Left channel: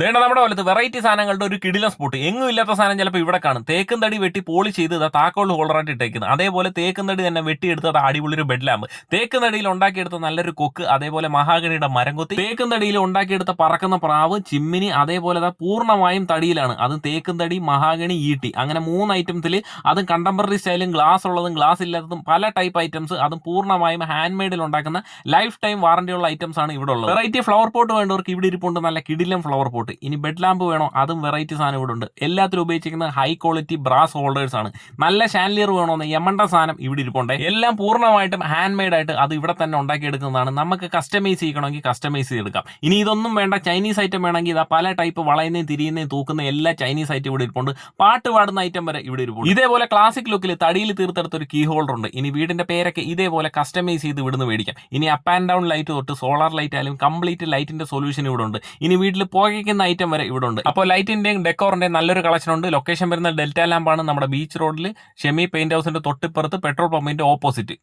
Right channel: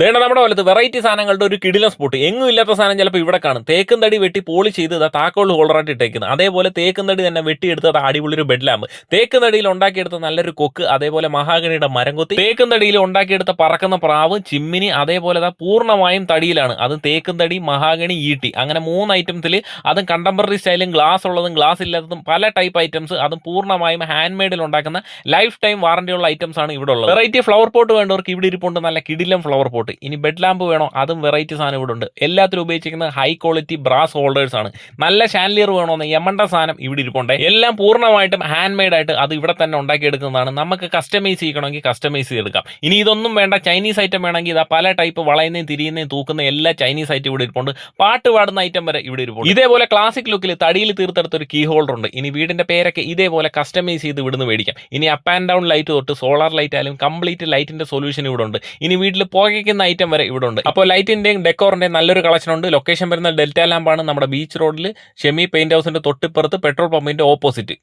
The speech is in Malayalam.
വേണ്ട നമ്മുടെ പോലത്തെ വെറൈറ്റി സാധനങ്ങളുടെ ഒരു കിടിലൻ സ്പോട്ട് എങ്ങും ഇല്ലാത്ത സാധനം ചിലപ്പോൾ ഇവിടെ കാണും. തേക്കും തടി വെട്ടി പോളി ചെയ്ത് താക്കോൽ ഹോൾഡറായിട്ട് ഇട്ടേക്കുന്നത്. അതേപോലെ തേക്കും തടി തന്നെ വെട്ടിയെടുത്തത് അടിപൊളി ഒരു ബെഡ് ലാമ്പ്. തേക്കും തടിയിൽ ഉണ്ടാക്കിയെടുത്ത നല്ലൊരു കൊക്ക്, അതേപോലെ മഹാഗണിയുടെ മരം കൊത്തി, തേക്കും തടിയിൽ ഉണ്ടാക്കിയെടുത്ത പറക്കുന്ന പ്രാവ്, ചിമ്മിനി, അതേപോലെ പൂർണ്ണമായും തടിയിലാണ്. അതും തേക്കും തടി, മഹാഗണി, ഈട്ടി, അങ്ങനെ 3 ഐറ്റംസിൽ അതും കണ്ടംപററി സ്റ്റൈലും ഗ്ലാസ് ഉള്ളതും ഗ്ലാസ് ഇല്ലാത്തതും പല ടൈപ്പ് ഐറ്റംസ്, അതും പൂർണ്ണമായും ഹാൻഡ് മെയ്ഡിൽ ഉണ്ടാക്കുന്ന ലൈഫ് ടൈം വാറണ്ടിയുള്ള ഐറ്റംസ് ആണ് ഇവിടെ ഉള്ളത്. വെറൈറ്റി ഫ്ലവർ പോട്ട് വേണ്ടവർക്ക് ഇവിടെ ഇരിപ്പുണ്ട് നല്ല കിടിലം ഫ്ലവർ പോട്ട്. ഇനി ബെഡ് ലാമ്പ് വേണോ, അതും വെറൈറ്റി സാധനം ഇവിടെ ഉണ്ട്. എല്ലാത്തിലും ഉപയോഗിച്ചിരിക്കുന്ന ഹൈ ക്വാളിറ്റി ബ്രാസ് ഹോൾഡേഴ്സ് ആണ്. നല്ല ഷാൻലിയർ വേണോന്ന് യമണ്ട സാധനം ഇവിടെ ഇരിപ്പുണ്ട്. എല്ലാം പൂർണ്ണമായിട്ടും ഹാൻഡ് മെയ്ഡ് ആയിട്ട് അത് ഇവിടെ തന്നെ ഉണ്ടാക്കിയെടുക്കുന്നതാണ്. നമുക്ക് കസ്റ്റമൈസ് ചെയ്യണമെങ്കിൽ കസ്റ്റമൈസ് ചെയ്തെടുക്കാം. ഇനി ഇതൊന്നും വേണ്ട, ചൈനീസ് ഐറ്റം വേണമെങ്കിൽ ഇതാ പല ടൈപ്പ് വളയുന്നതും തിരിയുന്നതും തൂക്കുന്ന എല്ലാ ചൈനീസ് ഐറ്റം ഇവിടെ ഇരിപ്പുണ്ട്. പാട്ട് പാടുന്ന ഐറ്റം വരെ ഇവിടെ ഇരിപ്പുണ്ട്. ഇതേപോലെ ക്ലാസിക് ലുക്കിൽ തടിയിൽ തീർത്തെടുത്ത ഒരു കീ ഹോൾഡർ ഉണ്ട്. ഇനി വീടിന്റെ പേരൊക്കെ ഇതേപോലെ കസ്റ്റമൈസ് ചെയ്ത് ഇവിടുന്ന് മേടിക്കാം. ഇനി അപ്പ് ആൻഡ് ഡൗൺ ലൈറ്റ് തൊട്ട് സോളാർ ലൈറ്റ് ആയാലും കംപ്ലീറ്റ് ലൈറ്റിന്റെ സൊല്യൂഷൻ ഇവിടെ ഉണ്ട്. ഇനി വീട്ടിൽ പുകയ്ക്കുന്ന ഐറ്റം വരെ ഇവിടെ ഉണ്ട്. അപ്പോൾ ലൈറ്റിന്റെയും ഡെക്കോറിന്റെയും നല്ലൊരു കളക്ഷൻ ഉണ്ട്. ലൊക്കേഷൻ വരുന്ന ഡെൽറ്റ ലാമ്പാണ് നമ്മുടെ ബീച്ച് റോഡിൽ ഷെമി പെയിന്റ് ഹൗസിന്റെ തൊട്ടിപ്പുറത്ത് പെട്രോൾ പമ്പിന്റെ ഓപ്പോസിറ്റ്.